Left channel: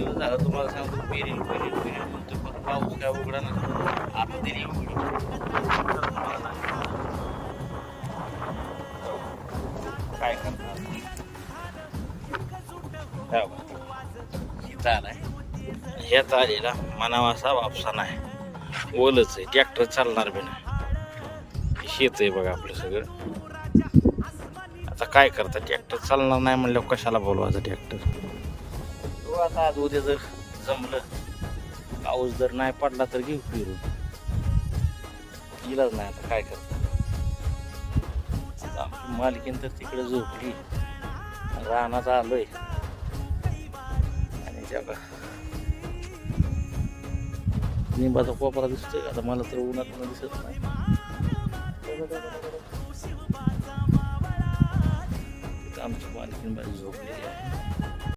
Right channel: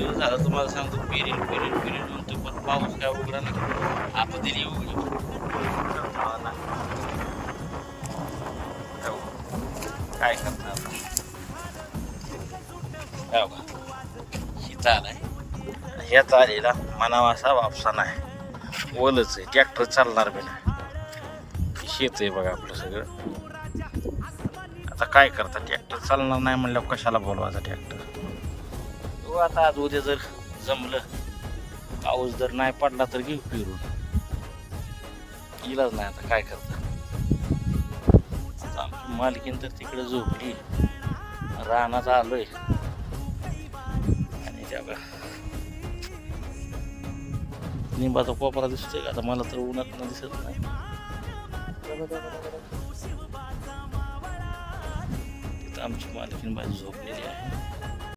दिवस झालं तुम्हाला सांगतो पेरील म्हणतो, पण पाऊस काय उघडा ना. आता दिली उघडी काय करणार चालाय ह्या चालीला मनावा असा वापसा नाही, ओलच आहे, ट्रॅक्टर चालणार बी नाही. शेत आहे बघा आपलं सगळं. आता काय करतात, ट्रॅक्टर चालणार नाही म्हणलं कशाला बोलवायचं ट्रॅक्टर. आता आज उद्या जर जमलं, पाऊस जर नाही पडला तर घेऊ फिरून, इलाज नाही. आता काय करतात, मालकीन तर तिकडे झोपली, रानात आलोय आणि त्या निंबाचा कोपरा दिसतोय. आता मला तर उन्हात दिसत नाही. तिथं आमची मालकीन बाई झोपलेली आहे.